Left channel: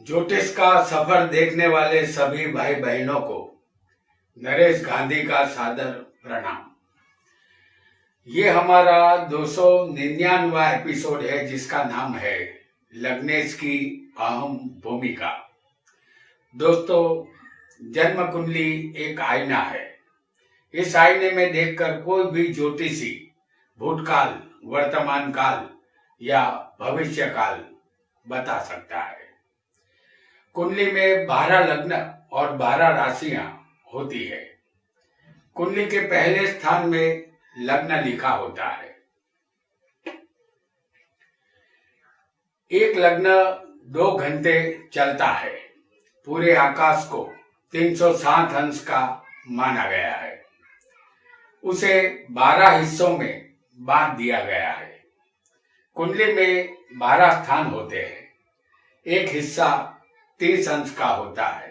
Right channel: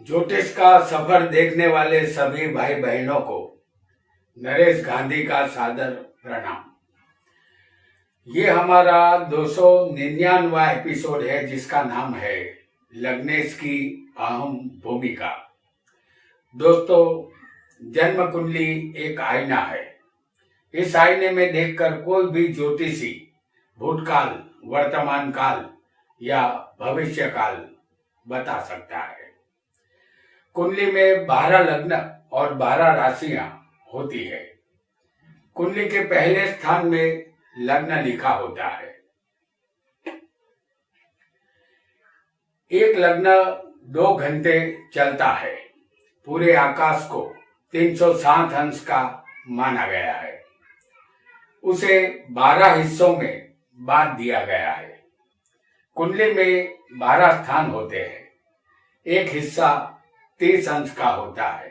ज्योतिष का सफर देखने वाले सभी भाई बहनों को नरेश गांधी का सादर प्रणाम। ये हमारा 299वां एपिसोड है जिसका नाम है लग्नेश की अहम भूमिका। दोस्तों, जन्म कुंडली एक आईना है। इस आईने में देखकर कोई भी ज्योतिषी भूतकाल, वर्तमान काल या भविष्य काल बता सकता है। कुंडली में 12 लग्न और 12 राशियां होती है। कुंडली के पहले स्थान में लग्न लिखा होता है। एक लग्न 2 घंटे चलता है। पूरे आकाश को 360 अंश का माना गया है। उसे 12 हिस्सों में बांट दिया गया है। कुंडली में 12 स्थान होते हैं। एक हिस्सा 30 अंश का होता है।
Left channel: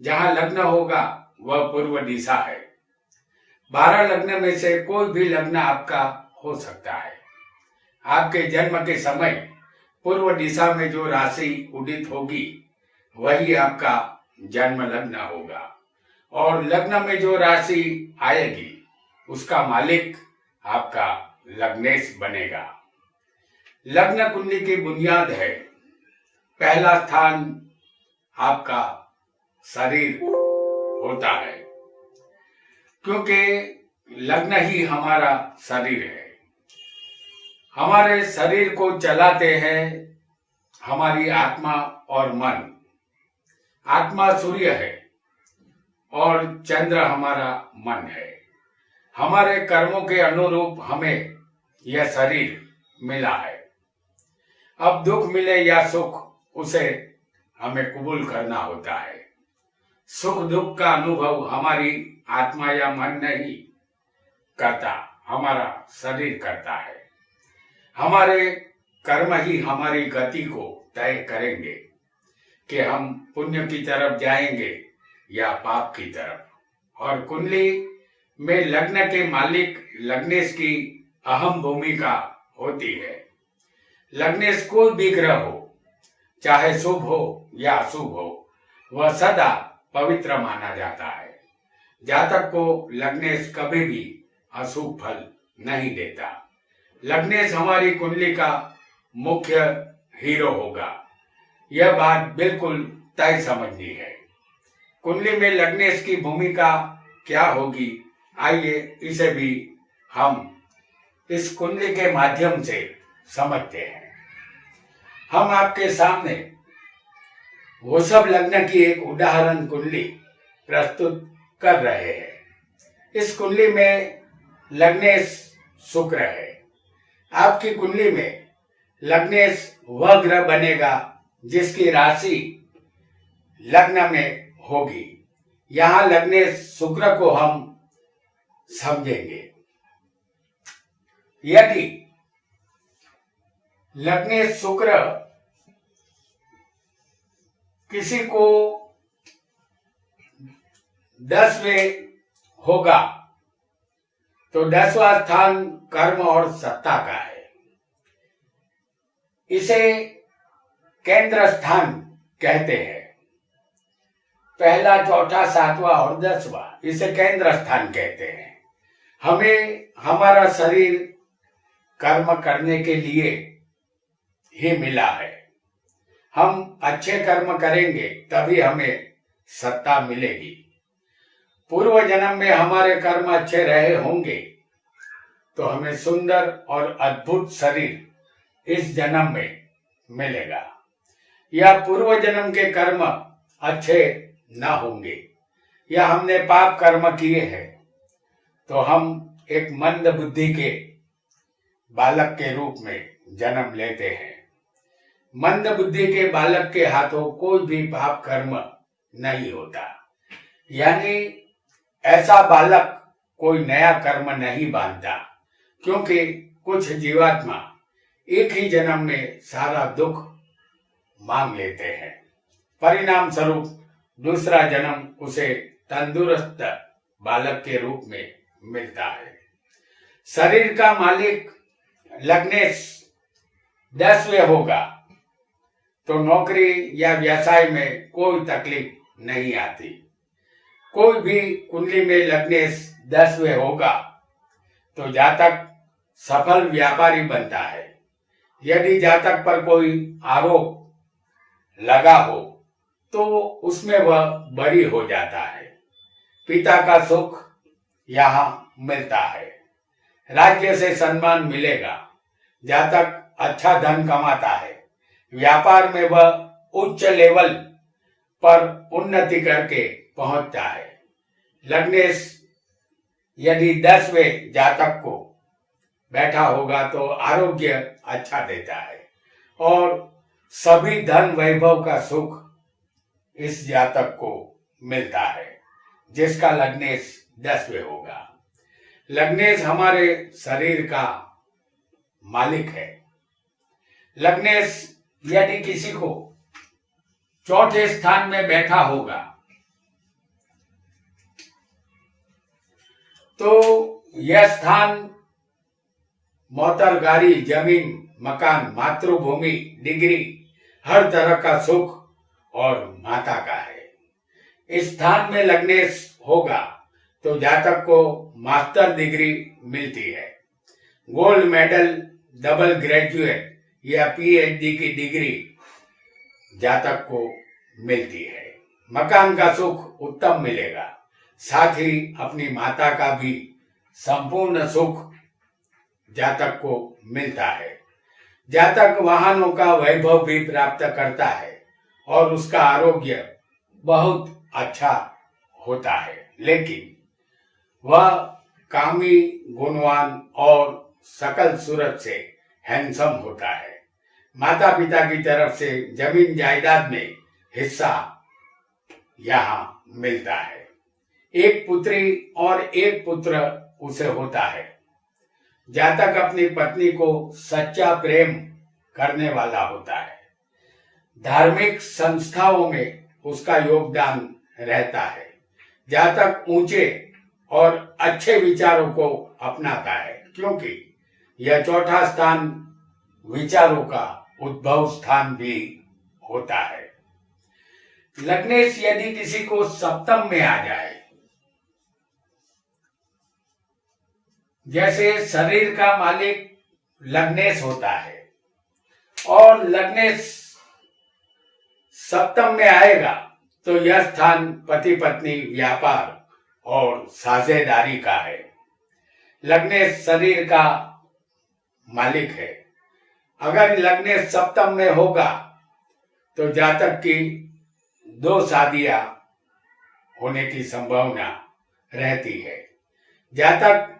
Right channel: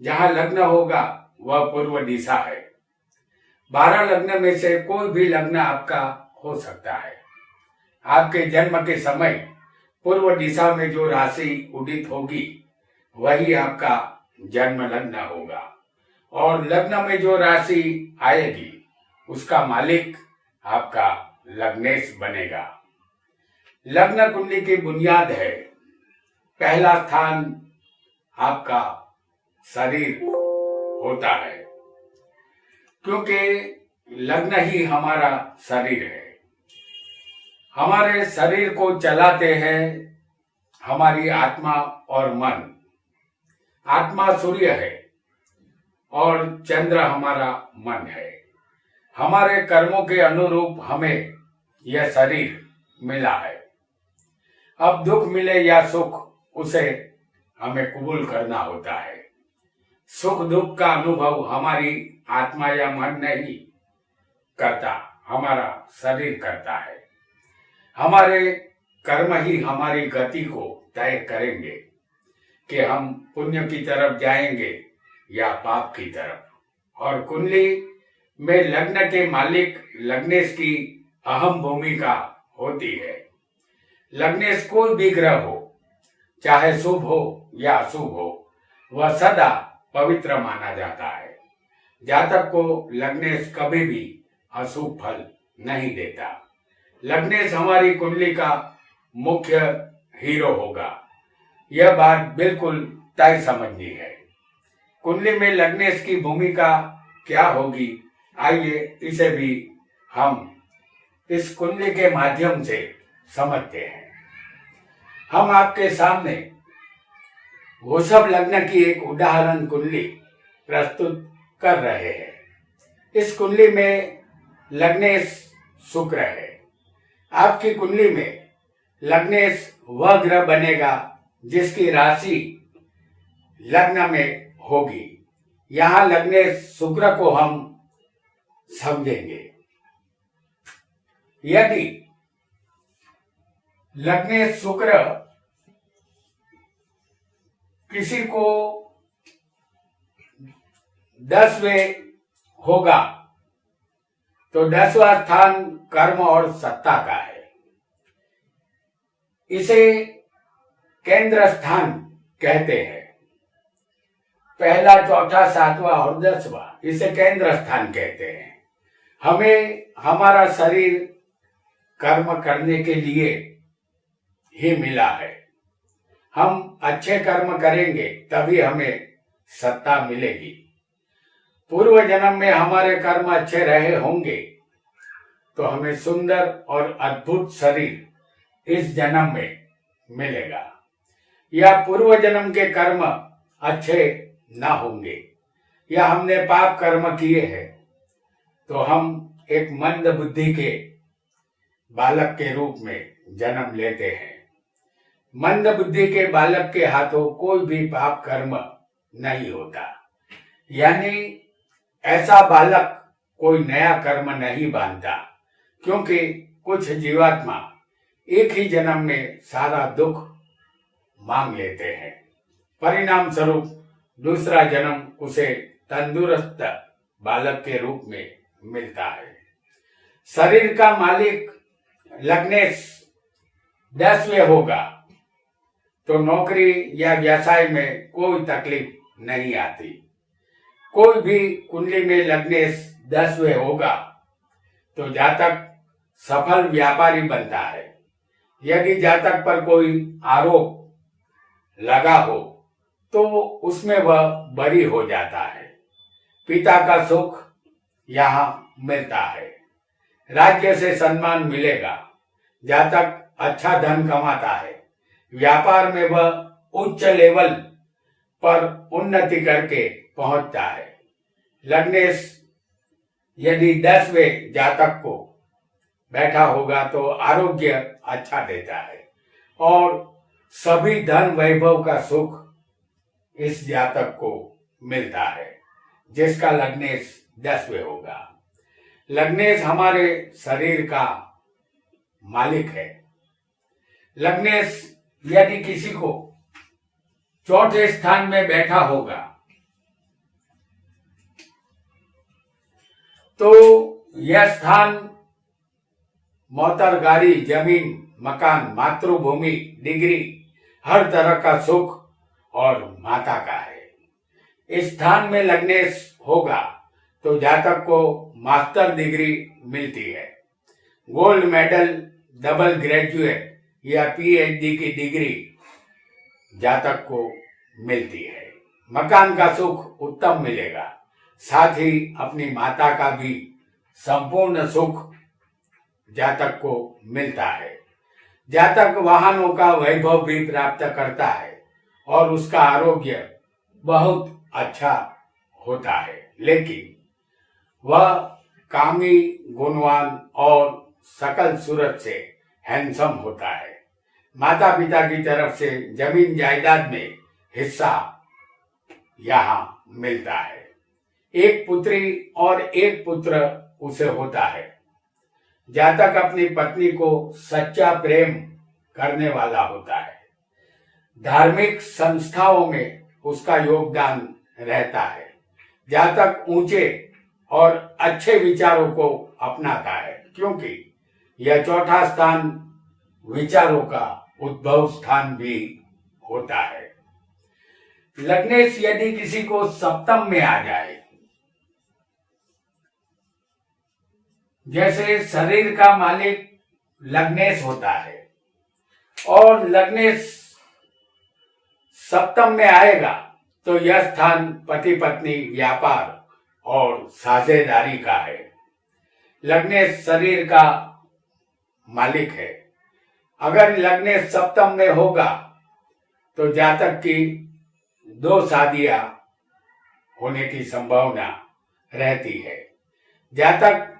जहां लग्न होगा वह पूर्व दिशा है। 12 लग्न में से कोई भी लग्न आपका हो सकता है। आपके जन्म के समय पूर्व दिशा में जो राशि उदित होगी वही आपका जन्म लग्न होगा, और लग्न में जो राशि आएगी उसका मालिक आपका लग्नेश बनेगा। लग्न कुंडली की बुनियाद है। पहला स्थान आपका शरीर होता है, क्योंकि लग्न ही हमारा शरीर है। हमारे शरीर को चलाते हैं हमारी आत्मा और मन। आत्मा सूर्य है और चंद्र हमारा मन है। हमारे कर्मों के अनुरूप हमें यह शरीर मिला है। अब दुख मिले या सुख, उसे हमें कबूल करना होता है। सुख दुख का अनुभव हमारी आत्मा या मन नहीं करता, हमारा शरीर करता है। हमारे कर्म ही हमारी गति को तय करेंगे कि हम पुण्य की तरफ जाएंगे या पाप की तरफ। और कुंडली में लग्न के मालिक लग्नेश की अहम भूमिका होती है। लग्नेश कोई भी ग्रह हो, चाहे शुभ हो या अशुभ हो, वह सदा पवित्र माना जाता है। जातक को लग्नेश कभी भी अशुभ फल नहीं देता। लग्नेश हमारी कुंडली का मुख्य हीरो होगा, यह बात बिल्कुल तय समझनी है। कुंडली में लग्नेश की भूमिका क्या होगी, आइए इसे भी हम इस कुंडली के माध्यम से समझते हैं। हम आपके सामने वृषभ लग्न की एक उदाहरण कुंडली प्रस्तुत कर रहे हैं। इस कुंडली में लग्नेश शुक्र है। आपकी कुंडली में लग्नेश वह ग्रह बनेगा जिसकी राशि लग्न में होगी। यहां लग्नेश शुक्र को हम समझेंगे। यदि लग्नेश शुक्र किसी को 10वें होगा तो 10वां स्थान कर्म और सत्ता का है। इसे केंद्र स्थान कहते हैं। पहला, चौथा, 7वां और 10वां इसे केंद्र स्थान कहते हैं। हमें हमारा शरीर कर्म करने के लिए ही मिला है। हम अच्छे कर्म करेंगे तभी हमें सत्ता मिलेगी। पूर्व जन्म में हमारे कर्म अच्छे रहे होंगे तो हमें सुंदर और अद्भुत शरीर इस जन्म में मिलेगा। या पूर्व जन्म के कर्म अच्छे ना होंगे या हमने पाप कर्म किए हैं तो हम एक मंद बुद्धि के बालक के रूप में जन्म लेते हैं। मंद बुद्धि के बालक के हाथों कोई भी पाप कर्म नहीं होता, यानी ऐसा बालक कोई नया कर्म नहीं बांधता, क्योंकि कुछ जीवात्मा एक ही जन्म में सारा दुख मांग लेते हैं। परिणाम स्वरूप दूसरा जन्म उसे तंदुरुस्त बालक के रूप में मिलता है। शरीर का मालिक लग्नेश 10वें होगा तो नौकरी या व्यवसाय में कोई तकलीफ नहीं आती। कोई भी कुंडली में लग्नेश 10वें होगा तो जातक सफल व्यापारी बनता है। यदि जातक पर कोई आरोप लगा हो तो उसमें वह बरी हो जाता है। पिता का सुख यहाँ मिलता है। राज्य से सम्मान मिलेगा। जातक अच्छा धन कमाता है। व्यापार में वह उच्च लेवल पर उन्नति करके पहुंचता है। लग्नेश यदि 10वें जातक को बैठा होगा तो आरोग्य अच्छा देता है और सभी धन वैभव का सुख इस जातक को मिलता है जिसका लग्नेश 10वें होगा। लग्नेश हमारे शरीर का मालिक है। लग्नेश यदि किसी को चौथे स्थान में बैठा होगा तो यह स्थान मोटर, गाड़ी, जमीन, मकान, मातृभूमि, डिग्री, हर तरह का सुख और माता का है। इस स्थान में लग्नेश होगा तो जातक को मास्टर डिग्री मिलती है। गोल्ड मेडल, डबल ग्रेजुएट या पीएचडी की डिग्री जातक को मिलती है। मकान का सुख उत्तम मिलेगा। साथ ही अपनी माता का भी संपूर्ण सुख जातक को मिलता है। जातक वाहनों का वैभव भी प्राप्त करता है और उसका आरोग्य बहुत अच्छा होता है, लेकिन वह कामी, गुणवान और सकल सूरत से हैंडसम होता है। माता पिता की तरफ से जमीन जायदाद में हिस्सा यहाँ मिलता है। एक पुत्री और एक पुत्र उसे होता है। जातक अपनी पत्नी को सच्चा प्रेम करने वाला होता है। धार्मिक संस्थाओं में उसका योगदान रहता है। जातक ऊंचे और अच्छे विचारों को अपनाता है क्योंकि यह चौथा स्थान विचारों का उद्भव स्थान भी होता है। लग्नेश यदि किसी को सप्तम में आ जाए, जैसे शरीर का मालिक लग्नेश होता है और लग्नेश सप्तम में आएगा तो यह स्थान पति पत्नी, व्यापार और साझेदारी का है। लग्नेश शरीर का मालिक है। अगर लग्नेश सप्तम में होगा तो जातक की 2 शादियां होने की संभावना रहती है। जातक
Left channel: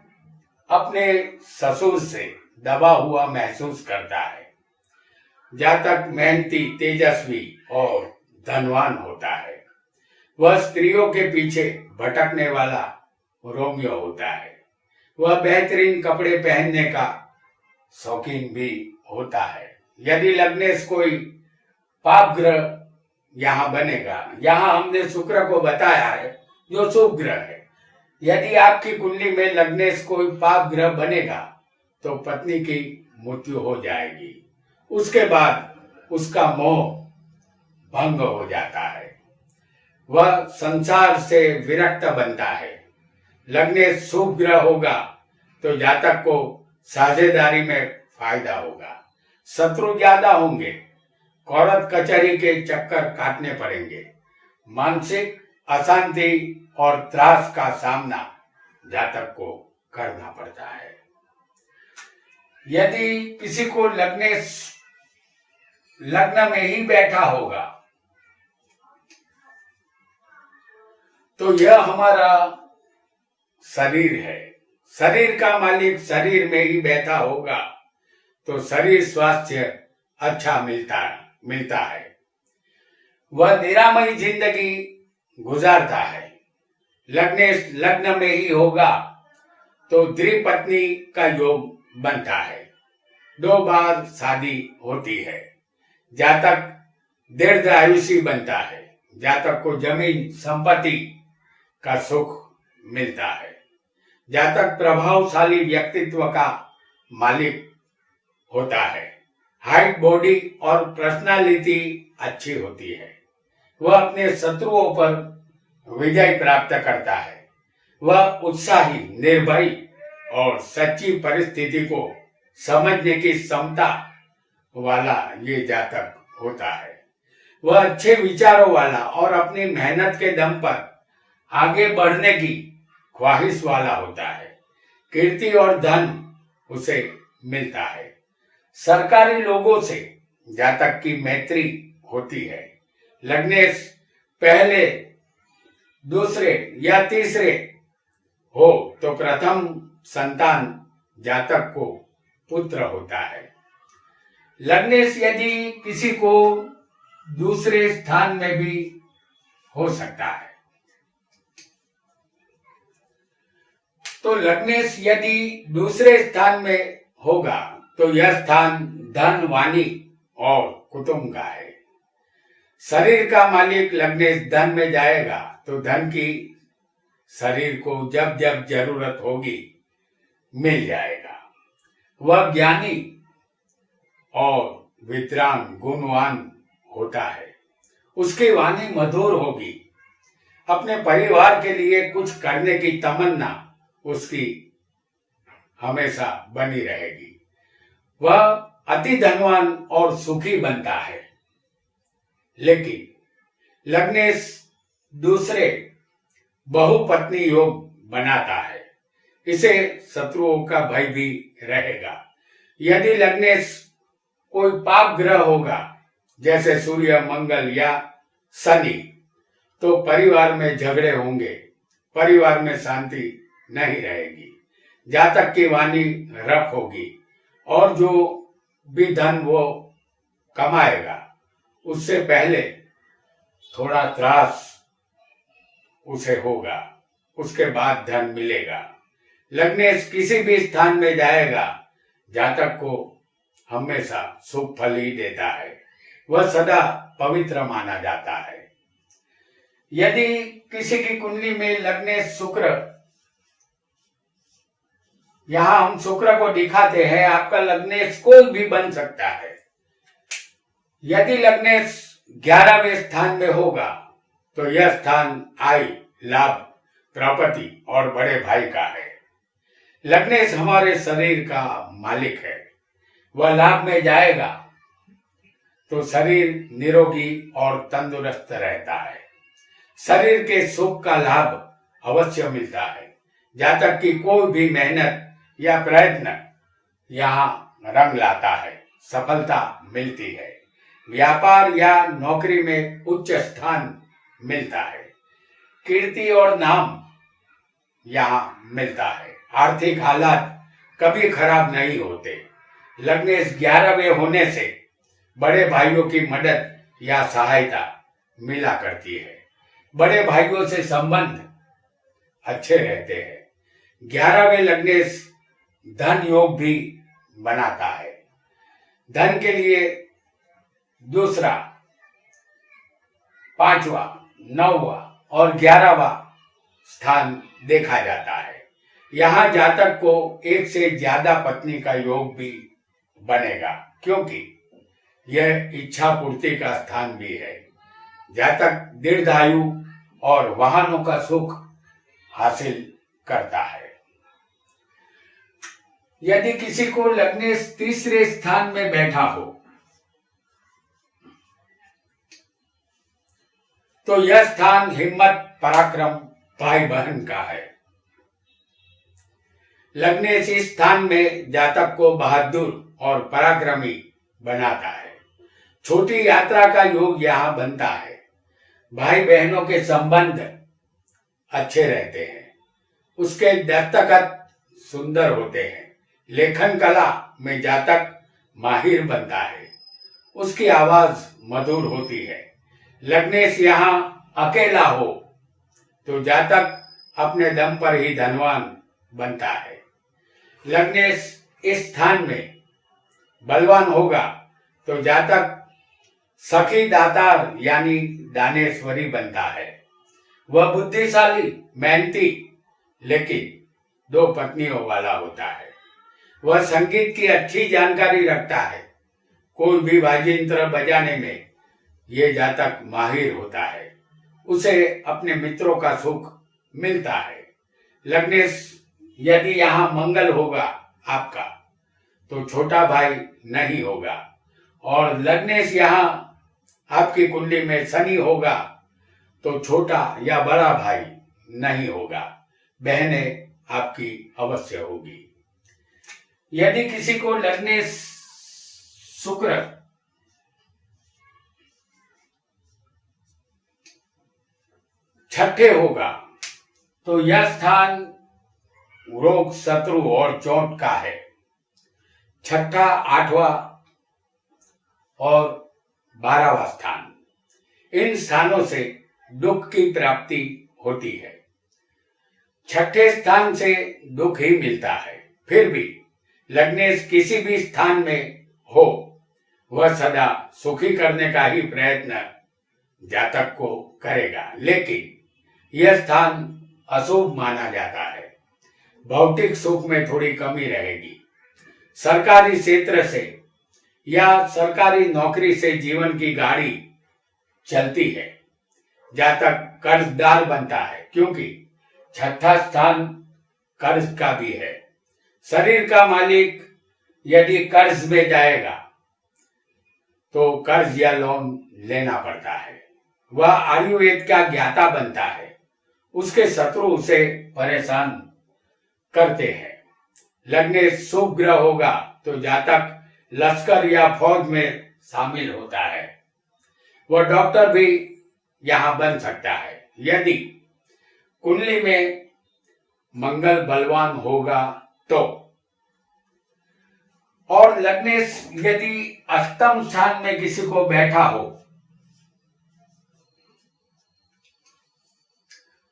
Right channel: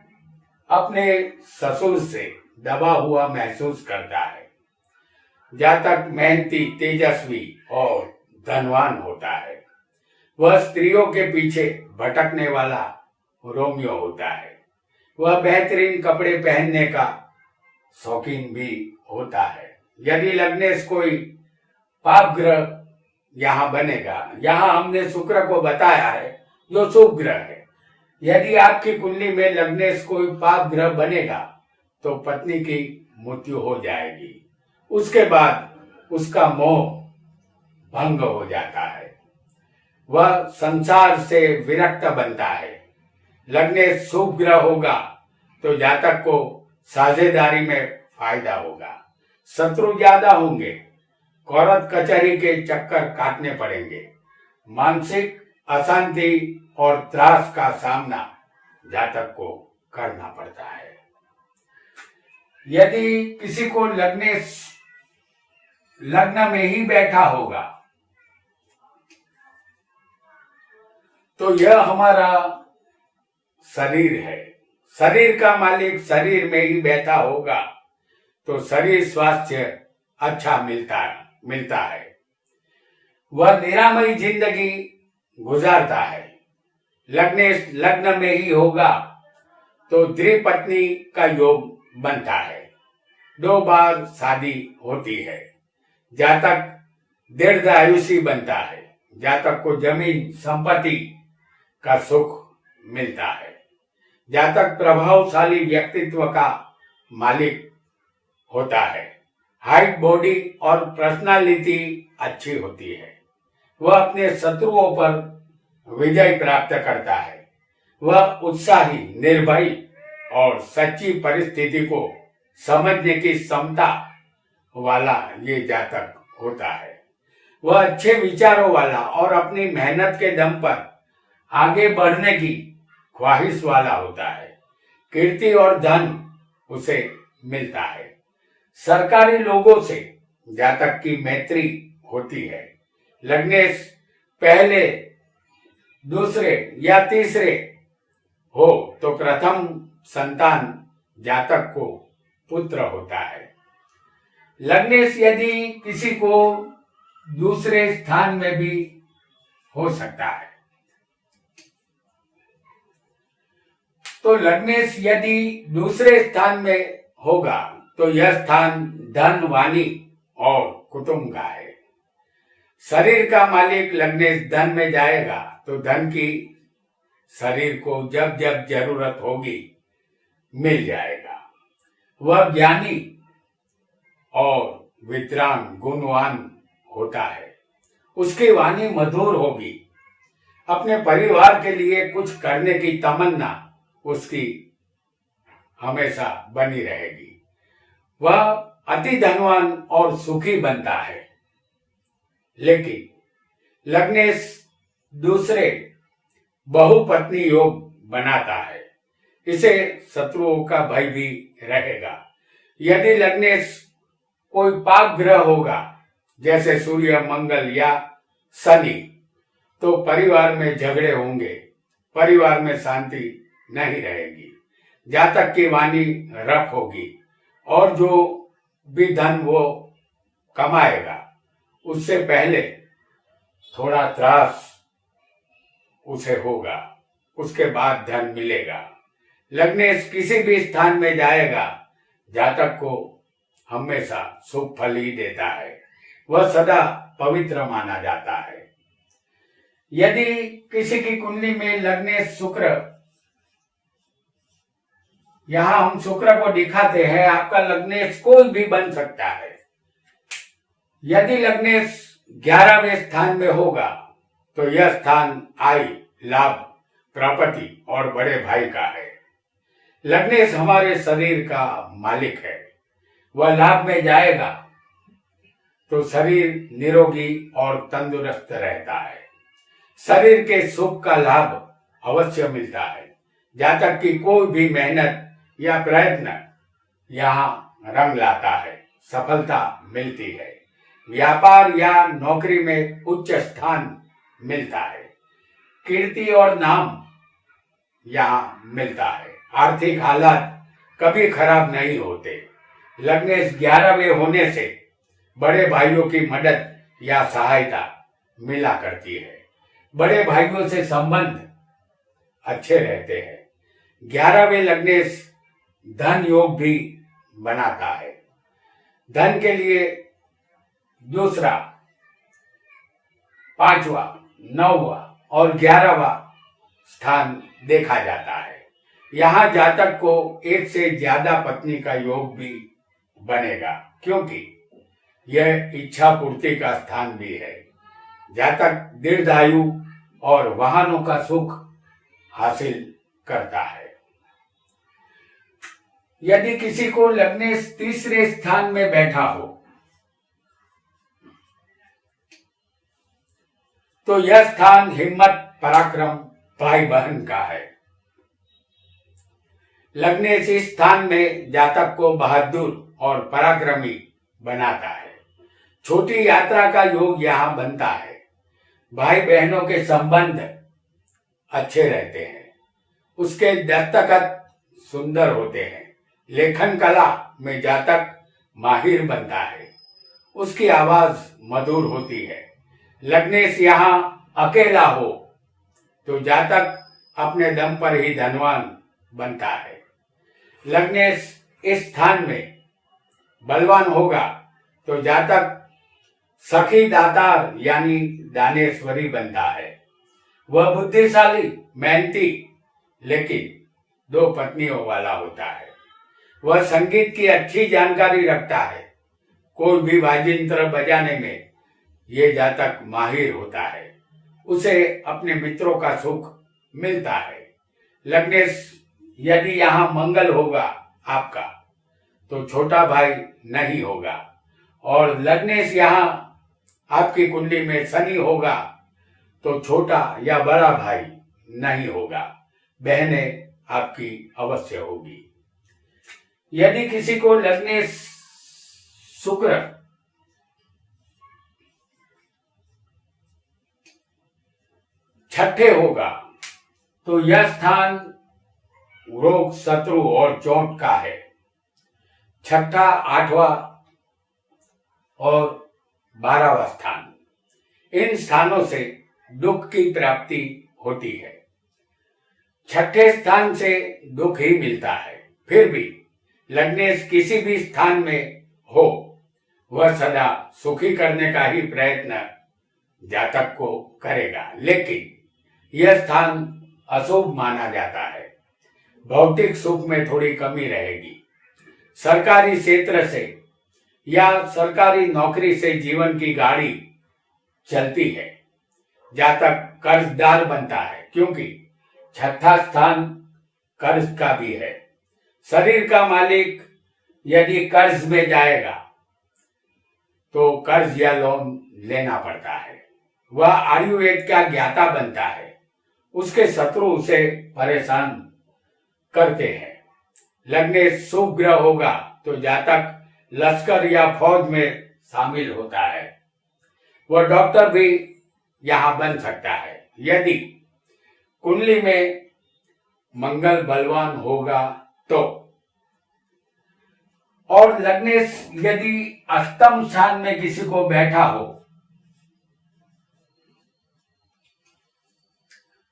अपने ससुर से दबा हुआ महसूस करता है। जातक मेहनती, तेजस्वी और धनवान होता है। वह स्त्रियों के पीछे भटकने वाला रोमियो होता है। वह बेहतरीन कपड़े पहनने का शौकीन भी होता है। यदि लग्नेश कोई पाप ग्रह यहाँ बनेगा, यहाँ हमने शुक्र को बताया है जो शुभ ग्रह है। यदि आपकी कुंडली में लग्नेश कोई पाप ग्रह बनेगा तो पत्नी की मृत्यु हो जाएगी। उसके बाद उसका मोह भंग हो जाता है। वह संसार से विरक्त बनता है। लग्नेश शुभ ग्रह होगा तो जातक को साझेदारी में फायदा होगा। शत्रु ज्यादा होंगे। कोर्ट कचहरी के चक्कर काटने पड़ेंगे। मानसिक अशांति और त्रास का सामना जातक को करना पड़ता है। यदि किसी को लग्नेश लग्न में ही बैठा होगा तो यह हमारा शरीर है। शरीर का मालिक शरीर में ही बैठा होगा तो शरीर स्वास्थ्य अच्छा मिलता है। वह निरामयी जिंदगी गुजारता है। लग्नेश लग्न में ही होगा तो द्विपत्नी का योग बनता है। 2 बार शादी होती है। जातक दीर्घायुषी बनता है। जातक को जमीन संपत्ति का सुख मिलता है। जातक प्रभावशाली व्यक्तित्व का मालिक होता है। हाइट, बॉडी और पर्सनालिटी अच्छी होती है। वह अपने शत्रुओं पर विजय प्राप्त करता है। वह उत्साही, निर्भयी और सच्ची परिस्थिति को समझने की क्षमता वाला ये जातक होता है। वह अच्छे विचारों वाला और अपनी मेहनत के दम पर आगे बढ़ने की ख्वाहिश वाला होता है। कीर्ति और धन उसे मिलता है। सरकारी लोगों से जातक की मैत्री होती है। लग्नेश पहले, दूसरे या तीसरे हो तो प्रथम संतान जातक को पुत्र होता है। लग्नेश यदि किसी को दूसरे स्थान में भी हो सकता है। तो लग्नेश यदि दूसरे स्थान में होगा तो यह स्थान धन, वाणी और कुटुंब का है। शरीर का मालिक लग्नेश धन में जाएगा तो धन की शरीर को जब जब जरूरत होगी मिल जाएगा। वह ज्ञानी और विद्वान, गुणवान होता है। उसकी वाणी मधुर होगी। अपने परिवार के लिए कुछ करने की तमन्ना उसकी हमेशा बनी रहेगी। वह अति धनवान और सुखी बनता है। लेकिन लग्नेश दूसरे बहुपत्नी योग बनाता है। इसे शत्रुओं का भय भी रहेगा। यदि लग्नेश कोई पाप ग्रह होगा, जैसे सूर्य, मंगल या शनि, तो परिवार में झगड़े होंगे, परिवार में शांति नहीं रहेगी। जातक की वाणी रफ होगी और जो भी धन वो कमाएगा उससे पहले थोड़ा त्रास उसे होगा, उसके बाद धन मिलेगा। लग्नेश किसी भी स्थान में जाएगा, जातक को हमेशा शुभ फल ही देता है। वह सदा पवित्र माना जाता है। यदि किसी की कुंडली में लग्नेश शुक्र, यहां हम शुक्र को दिखाते हैं, आपका लग्नेश कोई भी बन सकता है। यदि लग्नेश 11वें स्थान में होगा तो यह स्थान आय, लाभ, प्रॉपर्टी और बड़े भाई का है। लग्नेश हमारे शरीर का मालिक है। वह लाभ में जाएगा तो शरीर निरोगी और तंदुरुस्त रहता है। शरीर के सुख का लाभ अवश्य मिलता है। जातक की कोई भी मेहनत या प्रयत्न यहाँ रंग लाता है, सफलता मिलती है। व्यापार या नौकरी में उच्च स्थान मिलता है। कीर्ति और नाम यहाँ मिलता है। आर्थिक हालात कभी खराब नहीं होते। लग्नेश 11वें होने से बड़े भाइयों की मदद या सहायता मिला करती है। बड़े भाइयों से संबंध अच्छे रहते हैं। 11वें लग्नेश धन योग भी बनाता है। धन के लिए दूसरा, 5वां, 9वां और 11वां स्थान देखा जाता है। यहाँ जातक को एक से ज्यादा पत्नी का योग भी बनेगा, क्योंकि यह इच्छा पूर्ति का स्थान भी है। जातक दीर्घायु और वाहनों का सुख हासिल करता है। यदि किसी को लग्नेश तीसरे स्थान में बैठा हो तो यह स्थान हिम्मत, पराक्रम, भाई बहन का है। लग्नेश इस स्थान में जातक को बहादुर और पराक्रमी बनाता है। छोटी यात्रा का योग यहाँ बनता है। भाई बहनों के संबंध अच्छे रहते हैं। उसके दस्तखत सुंदर होते हैं। लेखन कला में जातक माहिर बनता है। उसकी आवाज मधुर होती है। लग्नेश यहाँ अकेला हो तो जातक अपने दम पर ही धनवान बनता है। लग्नेश इस स्थान में बलवान होगा तो जातक सखी दातार यानी दानेश्वरी बनता है। वह बुद्धिशाली, मेहनती, लेकिन 2 पत्नियों वाला होता है। वह संगीत की अच्छी जानकारी रखता है। कोई भी वाद्ययंत्र बजाने में ये जातक माहिर होता है। उसे अपने मित्रों का सुख मिलता है। लग्नेश, यदि यहाँ मंगल होगा आपका तो छोटा भाई नहीं होगा, और लग्नेश यहाँ आपकी कुंडली में शनि होगा तो छोटा या बड़ा भाई नहीं होगा, बहनें आपकी अवश्य होगी। यदि किसी को लग्नेश शुक्र छठे होगा तो यह स्थान रोग, शत्रु और चोट का है। छठा, आठवां और 12वां स्थान, इन स्थानों से दुख की प्राप्ति होती है। छठे स्थान से दुख ही मिलता है। फिर भी लग्नेश किसी भी स्थान में हो, वह सदा सुखी करने का ही प्रयत्न जातक को करेगा, लेकिन यह स्थान अशुभ माना जाता है। भौतिक सुख में थोड़ी कमी रहेगी। सरकारी क्षेत्र से या सरकारी नौकरी से जीवन की गाड़ी चलती है। जातक कर्जदार बनता है, क्योंकि छठा स्थान कर्ज का भी है। शरीर का मालिक यदि कर्ज में जाएगा तो कर्ज या लोन लेना पड़ता है। वह आयुर्वेद का ज्ञाता बनता है। उसके शत्रु उसे परेशान करते हैं। लग्नेश शुभ ग्रह होगा तो जातक लश्कर या फौज में शामिल होता है। वह डॉक्टर भी यहां बन सकता है। यदि कुंडली में मंगल बलवान होगा तो, और लग्नेश यदि अष्टम स्थान में किसी को बैठा हो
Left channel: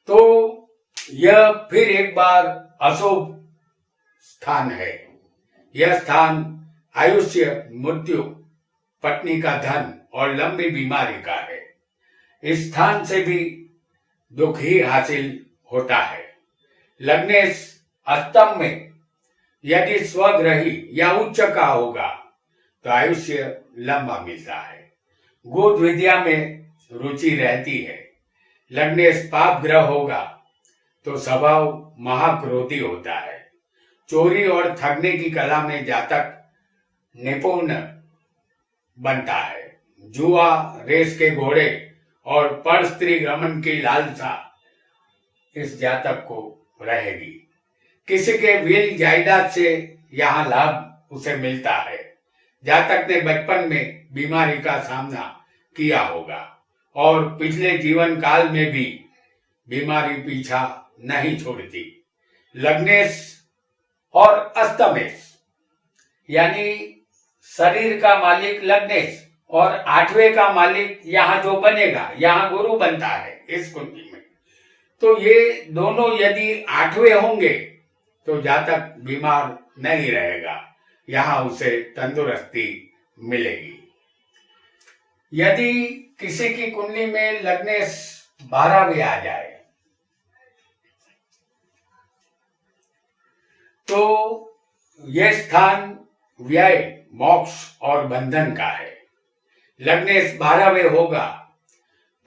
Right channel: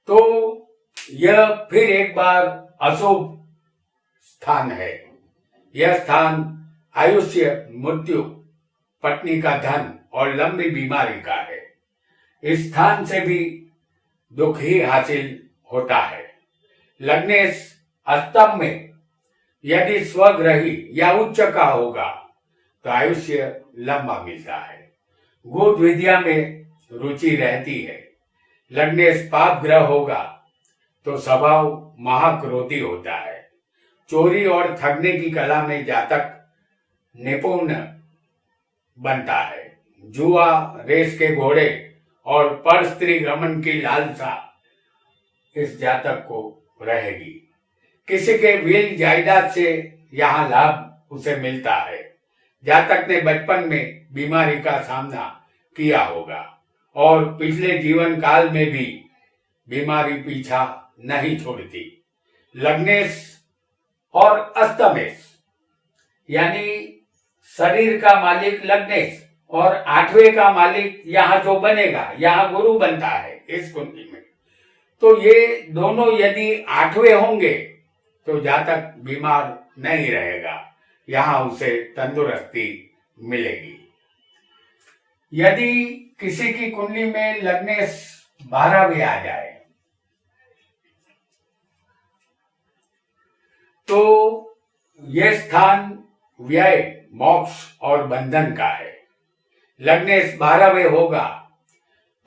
तो यह फिर एक बार अशुभ स्थान है। यह स्थान आयुष्य, मृत्यु, पत्नी का धन और लंबी बीमारी का है। इस स्थान से भी दुख ही हासिल होता है। लग्नेश अष्टम में यदि स्वग्रही या उच्च का होगा तो आयुष्य लंबा मिलता है। गुप्त विद्या में रुचि रहती है। लग्नेश पाप ग्रह होगा तो स्वभाव महाक्रोधी होता है। चोरी और ठगने की कला में जातक निपुण बनता है। जुआ, रेस के घोड़े और पर स्त्री गमन की लालसा इस जातक को रहेगी। किसी के विल जायदाद से यहाँ लाभ उसे मिलता है। जातक ने बचपन में बीमारी का सामना किया होगा और पिछले जीवन काल में भी बीमारी पीछा नहीं छोड़ती। लग्नेश और अष्टमेश यानी शरीर का मालिक लग्नेश और आठवें का मालिक यहाँ जो बनेगा, यहाँ गुरु बनता है इस कुंडली में, तो ये दोनों यदि आठवें होंगे तो जातक बीमार नहीं रहेगा, यहाँ उसे तंदुरुस्ती मिलेगी। यदि किसी की कुंडली में लग्नेश 12वें आ जाए तो यह स्थान व्यय, मोक्ष और बंधन का है। लग्नेश 12वें होगा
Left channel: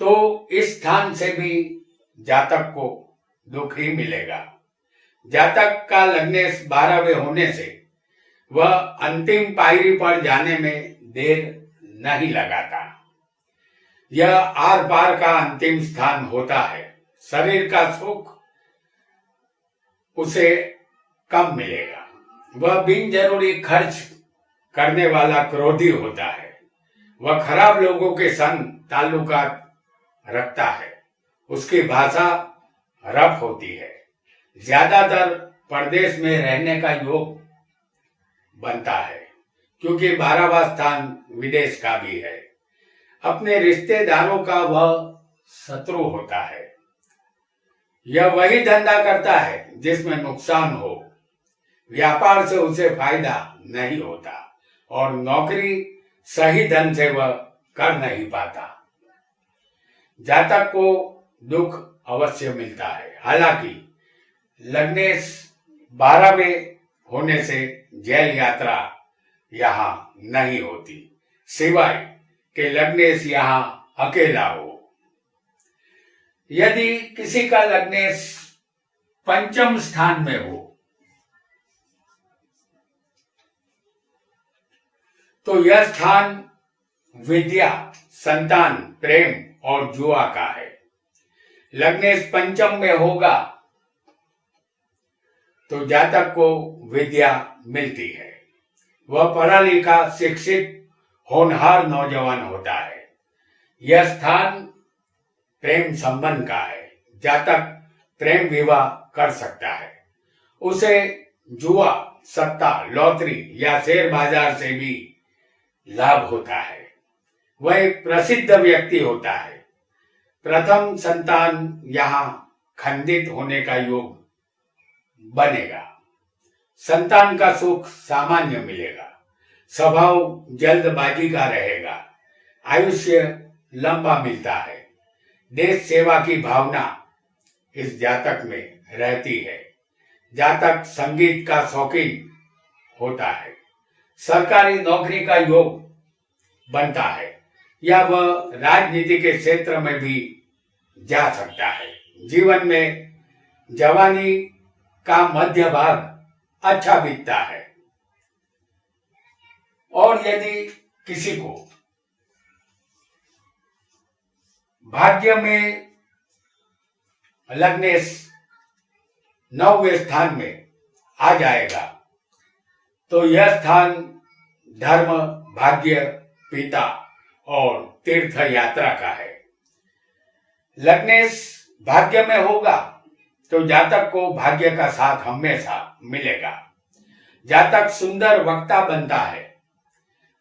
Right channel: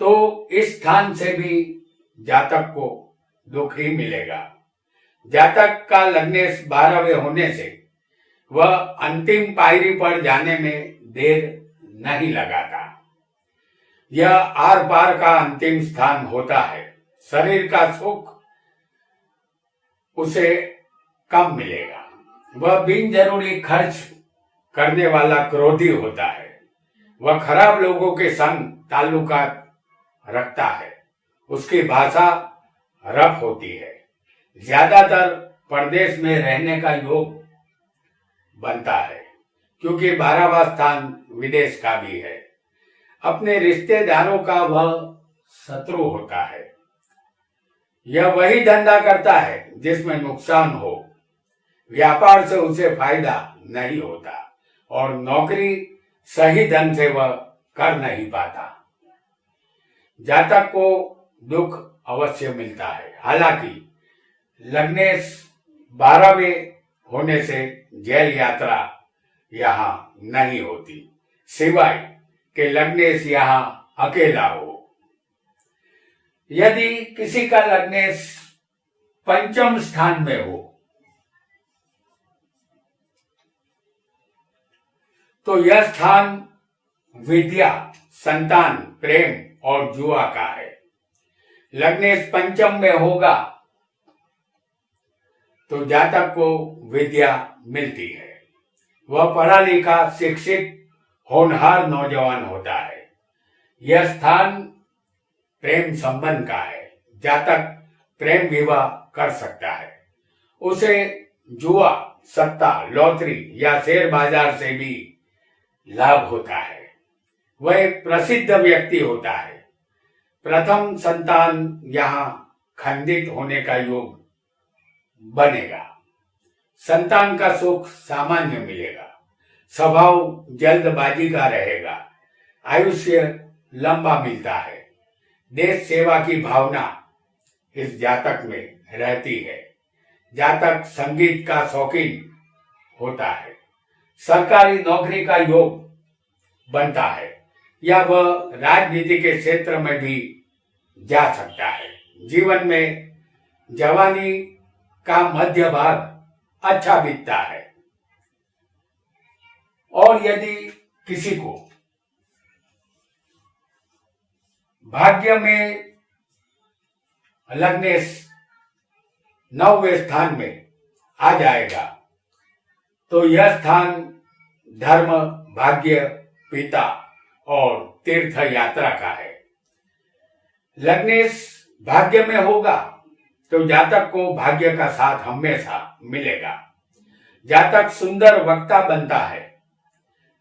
तो इस स्थान से भी जातक को दुख ही मिलेगा। जातक का लग्नेश 12वें होने से वह अंतिम पायरी पर जाने में देर नहीं लगाता। यह आर पार का अंतिम स्थान होता है। शरीर का सुख उसे कम मिलेगा। वह बिन जरूरी खर्च करने वाला क्रोधी होता है। वह खराब लोगों के संग ताल्लुकात रखता है। उसकी भाषा रफ होती है। ज्यादातर परदेश में रहने का योग बनता है, क्योंकि 12वां स्थान विदेश का भी है। अपने रिश्तेदारों का वह शत्रु होता है। यह वही धंधा करता है जिसमें नुकसान हो। व्यापार से उसे फायदा नहीं होता और नौकरी सही ढंग से वह कर नहीं पाता। जातक को दुख अवश्य मिलता है। हालांकि लग्नेश 12वें होने से जेल यात्रा यहाँ नहीं होती। सिवाय कि लग्नेश यहाँ अकेला हो। यदि किसी का लग्नेश पंचम स्थान में हो तो यह स्थान विद्या, संतान, प्रेम और जुआ का है। लग्नेश पंचम में होगा तो जातक को विद्या मिलती है, वह पढ़ा लिखा, शिक्षित, होनहार नौजवान होता है। यह स्थान प्रेम संबंध का है, जातक प्रेम विवाह कर सकता है। उसे जुआ, सट्टा, लॉटरी या शेयर बाजार से भी लाभ होता है। वह एक प्रसिद्ध व्यक्ति होता है। प्रथम संतान यहाँ खंडित होने का योग बनेगा। संतान का सुख सामान्य मिलेगा। स्वभाव जल्दबाजी का रहेगा। आयुष्य लंबा मिलता है। देश सेवा की भावना इस जातक में रहती है। जातक संगीत का शौकीन होता है। सरकारी नौकरी का योग बनता है या वह राजनीति के क्षेत्र में भी जा सकता है। जीवन में जवानी का मध्य भाग अच्छा बीतता है। और यदि किसी को भाग्य में लग्नेश 9वें स्थान में आ जाएगा तो यह स्थान धर्म, भाग्य, पिता और तीर्थ यात्रा का है। लग्नेश भाग्य में होगा तो जातक को भाग्य का साथ हमेशा मिलेगा। जातक सुंदर वक्ता बनता है।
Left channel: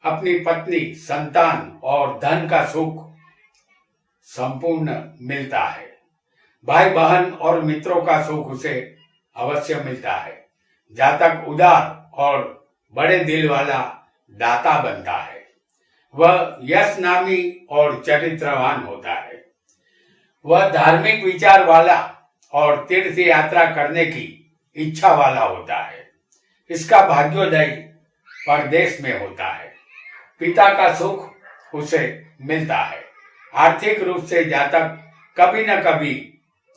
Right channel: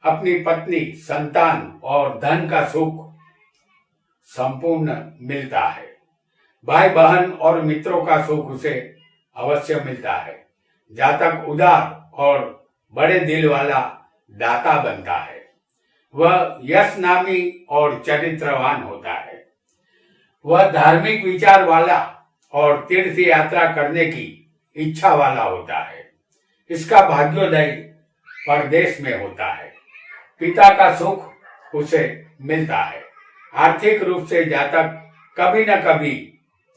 अपनी पत्नी, संतान और धन का सुख संपूर्ण मिलता है। भाई बहन और मित्रों का सुख उसे अवश्य मिलता है। जातक उदार और बड़े दिल वाला दाता बनता है। वह यश नामी और चरित्रवान होता है। वह धार्मिक विचार वाला और तीर्थ यात्रा करने की इच्छा वाला होता है। इसका भाग्योदय परदेश में होता है। पिता का सुख उसे मिलता है। आर्थिक रूप से जातक कभी न कभी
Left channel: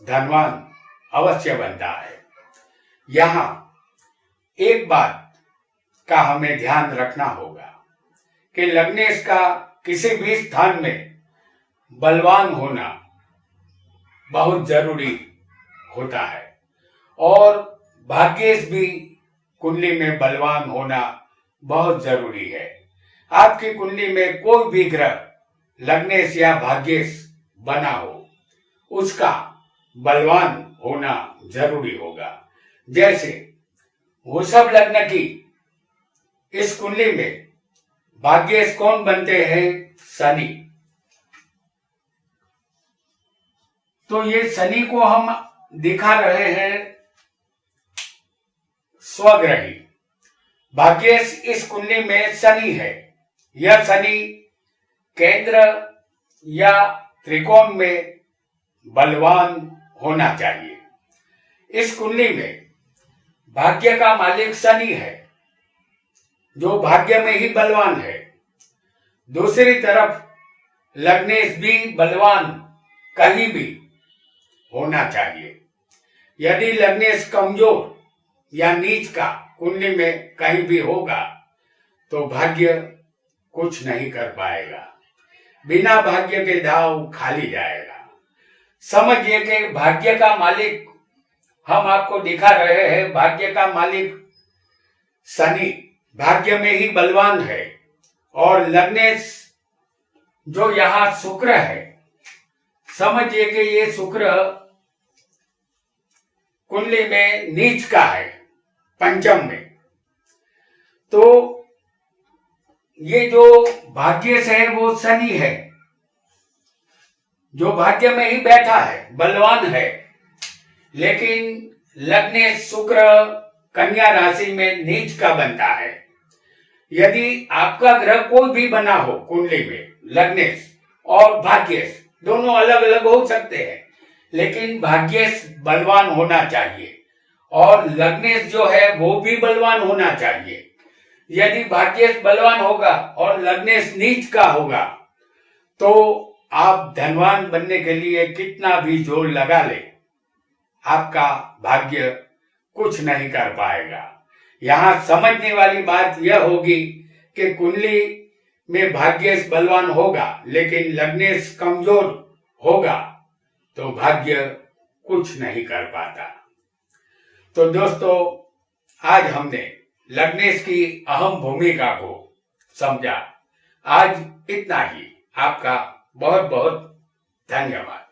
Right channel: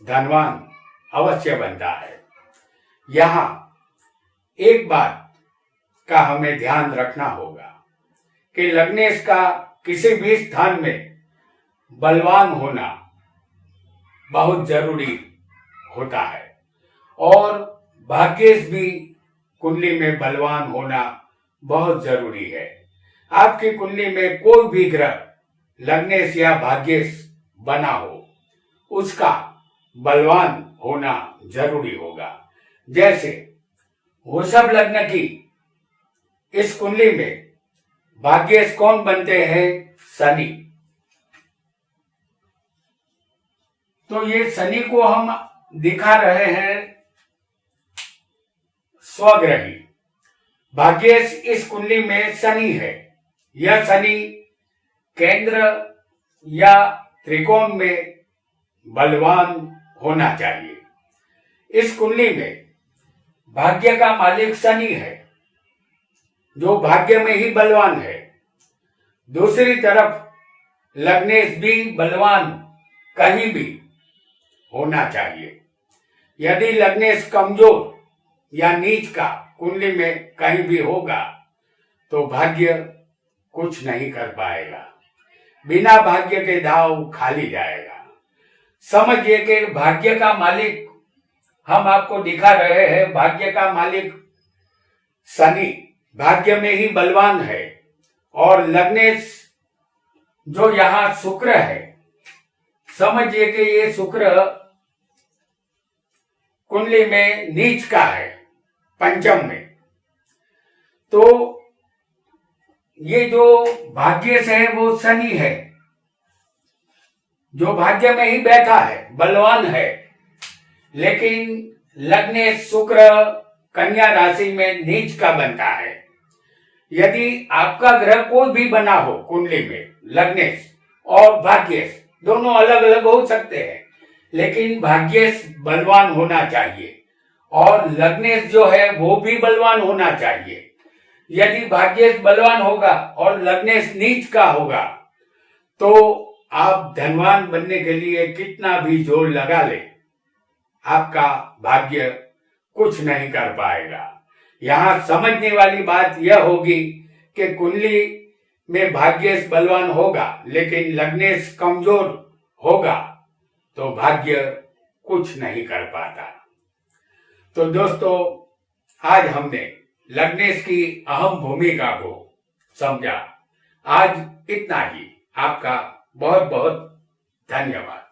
धनवान अवश्य बनता है। यहाँ एक बात का हमें ध्यान रखना होगा कि लग्नेश का किसी भी स्थान में बलवान होना बहुत जरूरी होता है और भाग्येश भी कुंडली में बलवान होना बहुत जरूरी है। आपकी कुंडली में कोई भी ग्रह लग्नेश या भाग्येश बना हो, उसका बलवान होना जरूरी होगा। जैसे वृषभ लग्न की इस कुंडली में भाग्येश कौन बनते हैं? शनि। तो ये शनि को हम दिखा रहे हैं स्वग्रही। भाग्येश इस कुंडली में शनि है। यह शनि केंद्र या त्रिकोण में बलवान होना चाहिए। इस कुंडली में भाग्य का मालिक शनि है जो भाग्य में ही बलवान है। दूसरी तरफ लग्नेश भी बलवान कहीं भी होना चाहिए। यदि लग्नेश कमजोर या नीच का कुंडली में कहीं भी होगा तो भाग्य कुछ नहीं कर पाएगा। बिना भाग्य के दाव खाली जाएगा। समझिए कि भाग्य का मालिक हम आपको दिखा रहे हैं। भाग्य का मालिक शनि भाग्य में ही बलवान है और लग्नेश जो यहाँ शुक्र है, समझिए कि ये शुक्र कुंडली में नीच का है, पंचम में। तो ये जो भाग्य से है वो शनि है जो भाग्य में ही बैठा है, बलवान है। लेकिन लग्नेश शुक्र कन्या राशि में नीच का बनता है। यदि आपका ग्रह कोई भी बना हो कुंडली में, लग्नेश और भाग्येश दोनों अलग अलग हो सकते हैं, लेकिन भाग्येश बलवान होना चाहिए और लग्नेश जो है वो भी बलवान होना चाहिए। यदि भाग्येश बलवान होगा और लग्नेश नीच का होगा तो आप धनवान बनने के लिए कितना भी जोर लगा ले, आपका भाग्य कुछ नहीं कर पाएगा। यहाँ समझने वाली बात यह होगी कि कुंडली में भाग्येश बलवान होगा लेकिन लग्नेश कमजोर होगा तो भाग्य कुछ नहीं कर पाता। तो दोस्तों, आज हमने लग्नेश की अहम भूमिका को समझा। आज इतना ही। आपका बहुत बहुत धन्यवाद।